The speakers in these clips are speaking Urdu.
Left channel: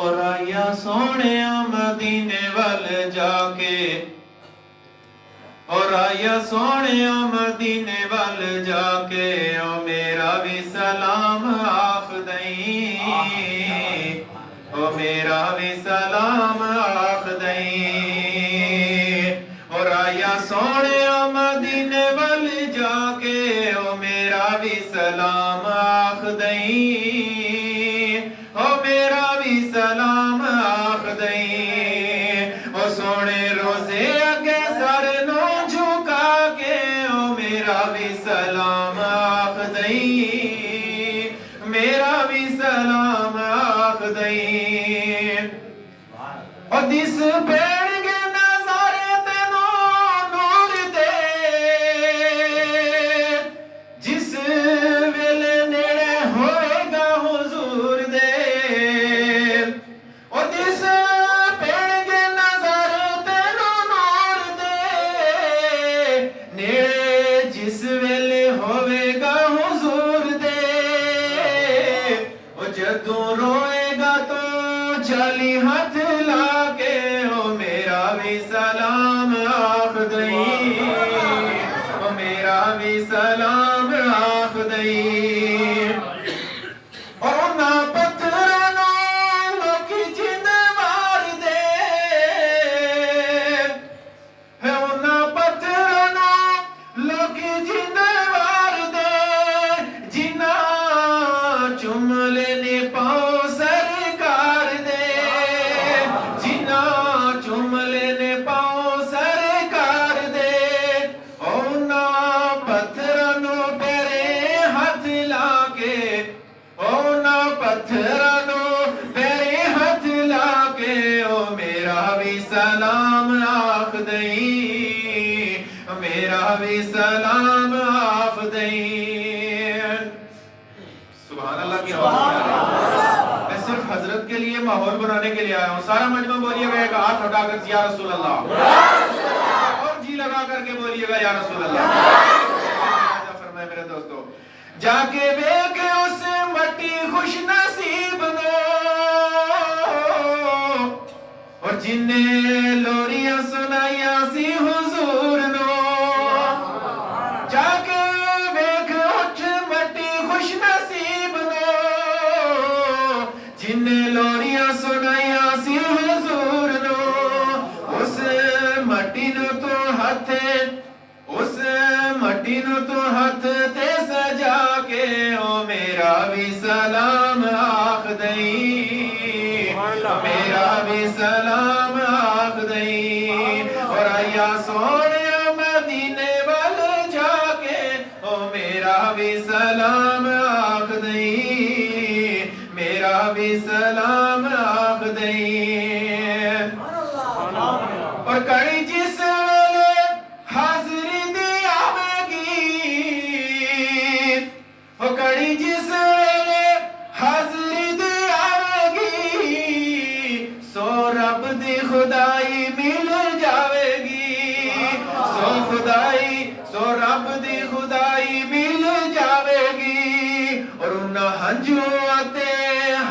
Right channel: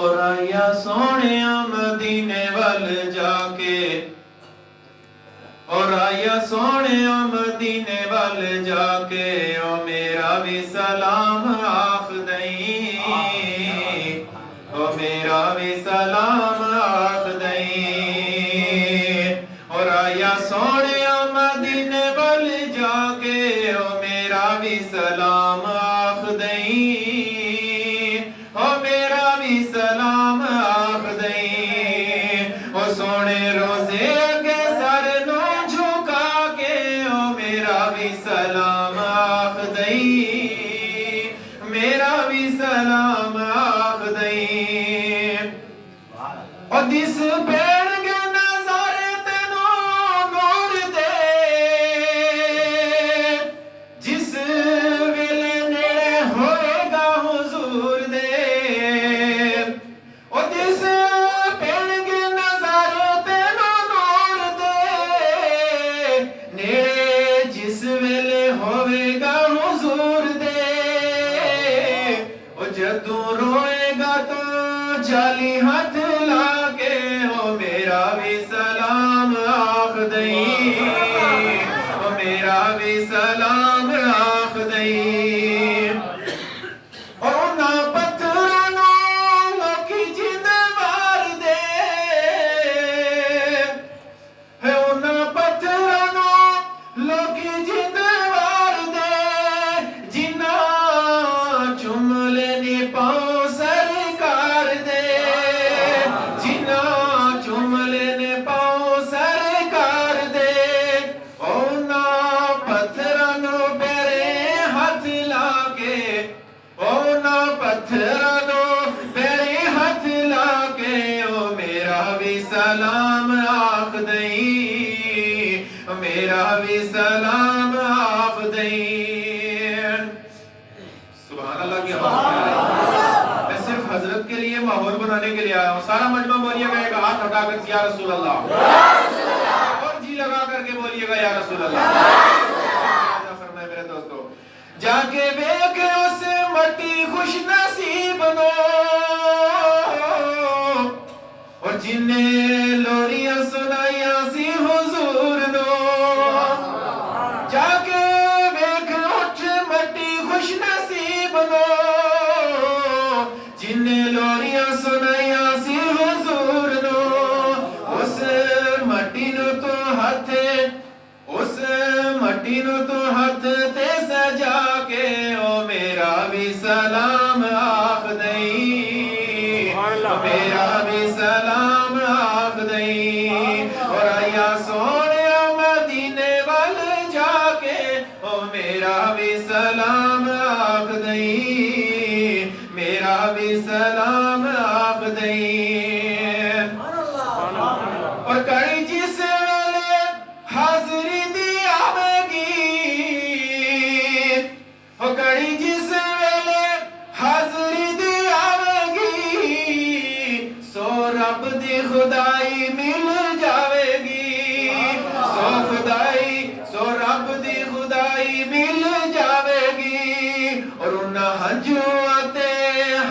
اور آیا سونیا مدینے وال جا کے اور آیا سونیا مدینے وال جا کے او میرا بھی سلام آخ دئی او میرا بھی سلام آخ دئی اور آیا سونیا مدینے وال جا کے او میرا بھی سلام آخ دئی او میرا بھی سلام آخ دئی او سونے روزے اگے سر نو جھکا کے او میرا بھی سلام آخ دئی میرا بھی سلام آخ دئی او دس پیڑ کے نظارے تینو نور دے جس ویلے نیڑے ہوئے گا حضور دے او دس پیڑ کے نظارے تینو نور دے نیڑے جس ویلے ہوئے گا حضور دے او جدوں روئے گا تو جالی ہاتھ لا کے او میرا بھی سلام آخ دئی او میرا بھی سلام آخ دئی اور انہاں پتھراں نوں لوکی جند مار دے ہے انہاں پتھراں نوں لوکی جند مار دے جنہاں چوم لینے پاؤ سرکار دے جنہاں چوم لینے پاؤ سرکار دے اونا پتھراں نوں پیرے ہاتھ لا کے اونا پتھراں نوں پیرے ہاتھ لا کے او میرا بھی سلام آخ دئی میرا بھی سلام آخ دئی سبحان اللہ کی آواز میں صرف حضرت کے لیے ماحول بنانے کے لیے آیا ہوں سارا مجمع بولیے گا ایک ہاتھ اٹھا کر یا رسول اللہ اور جی لگا کر کے بولیے گا یا رسول اللہ فرمائے میرے دوستو جا کے بیک اس مٹی خوش نصیب نو اور جن نے لوریاں سنائیاں سی حضور نو جا کے بیک اٹھ مٹی خوش نصیب نو جن نے لوریاں سنائیاں سی حضور نو اس مٹی نو تو ہاتھ اس مٹی نو تو ہاتھ تے سجا کے او میرا بھی سلام آخ دئی میرا بھی سلام آخ دئی اور آیا سونیا مدینے وال جا کے او میرا بھی سلام آخ دئی میرا بھی سلام آخ دئی اور کڑی جس ویلے حاضری دی آوے گی اور کڑی جس ویلے حاضری دی آوے گی سو رب دی خدائی مل جاوے گی سو رب دی خدائی مل جاوے گی اور انہاں ہنجواں تے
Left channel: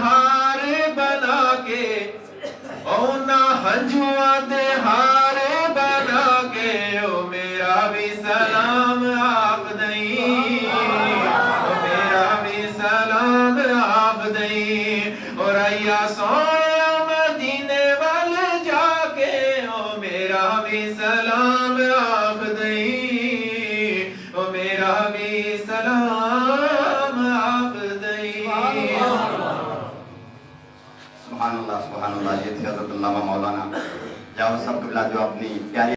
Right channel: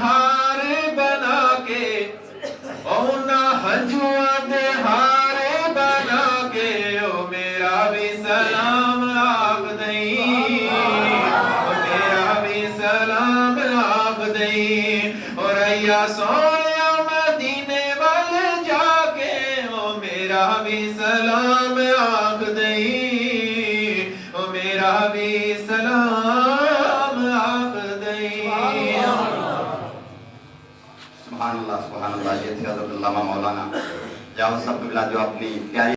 ہار بنا کے انہاں ہنجواں تے ہار بنا کے او میرا بھی سلام آخ دئی او میرا بھی سلام آخ دئی اور آیا سونیا مدینے وال جا کے او میرا بھی سلام آخ دئی او میرا بھی سلام آخ دئی سبحان اللہ یہ تھے حضرت علامہ مولانا جاوید صاحب قبلہ جو اپنی پیاری